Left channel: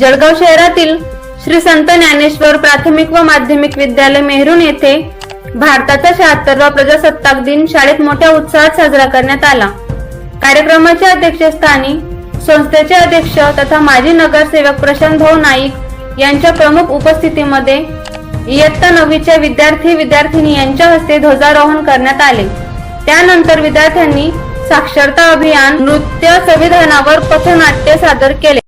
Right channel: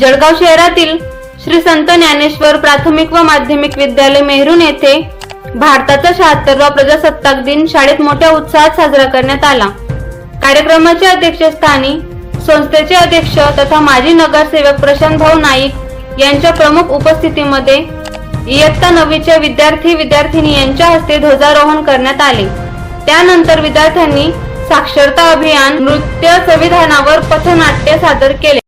जळगाव शहरातील श्री संत ज्ञानेश्वर प्राथमिक व माध्यमिक विद्यालय मेहरून येथे भारताचा शहात्तरवा प्रजासत्ताक दिन शाळेत मोठ्या उत्साहात साजरा करण्यात आला. कार्यक्रमाच्या अध्यक्षस्थानी संस्थेचे अध्यक्ष तथा माजी नगरसेवक प्रशांत भाऊ नाईक यांच्या प्रमुख उपस्थितीमध्ये इयत्ता नववीच्या विद्यार्थी विद्यार्थिनी यांच्या हस्ते ध्वजारोहण करण्यात आले. त्यानंतर विद्यार्थ्यांनी साक्षरता अभियान नृत्य संविधानावर पथनाट्य सादर केले.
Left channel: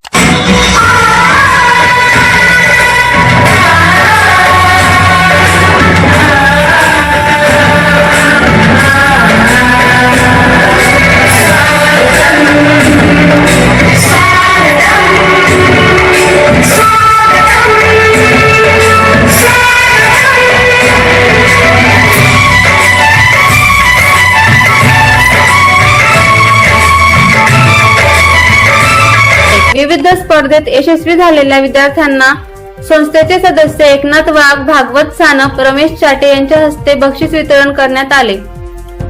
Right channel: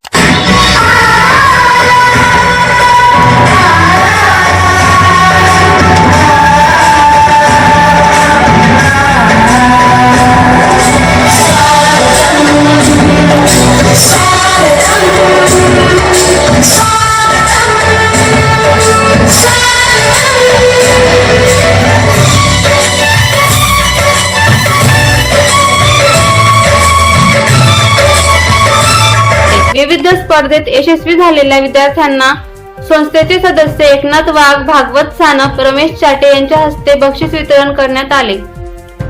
विविध स्पर्धेत यशस्वी झालेल्या विद्यार्थ्यांना संस्थेचे सदस्य एकनाथ वाघ भागवत सानप रमेश चाटे यांच्या हस्ते बक्षीस वितरण करण्यात आले.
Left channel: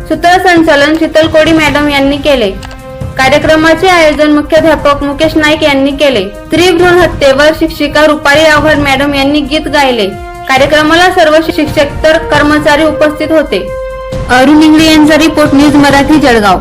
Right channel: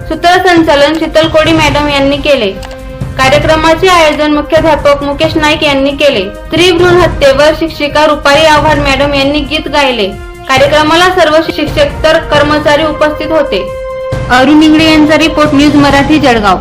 सूत्रसंचालन शीतल कोडी मॅडम यांनी केले. कार्यक्रमाचे आयोजन मुख्याध्यापक मुकेश नाईक यांनी केले. स्त्री भ्रूण हत्येवर शिक्षिका रुपाली आव्हाड मॅडम यांनी गीत गायले. कार्यक्रमाला सर्व शिक्षक तर कर्मचारी उपस्थित होते. अरुण इंगळे यांचा रिपोर्ट न्यूज मराठी जळगाव.